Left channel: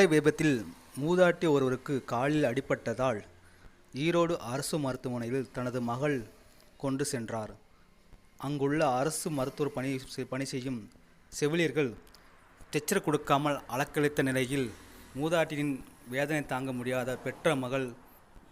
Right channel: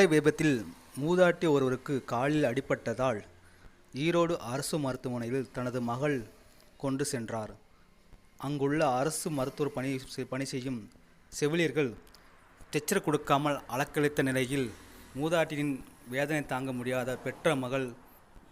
சாலை விபத்தில் மூதாட்டி ஒருவருக்கு காலில் அடிபட்டதால் ஈரோடு அரசு மருத்துவமனையில் தனது மகள் கொண்டு சென்றார். அங்குள்ள அரசு மருத்துவர் பணி செய்யும் செவிலியர்கள் ஸ்ட்ரெச்சர் கொடுக்காமல் அலக்களித்த நிலையில் மூதாட்டியின் வேதனை தாங்க முடியாத பெற்ற மகள்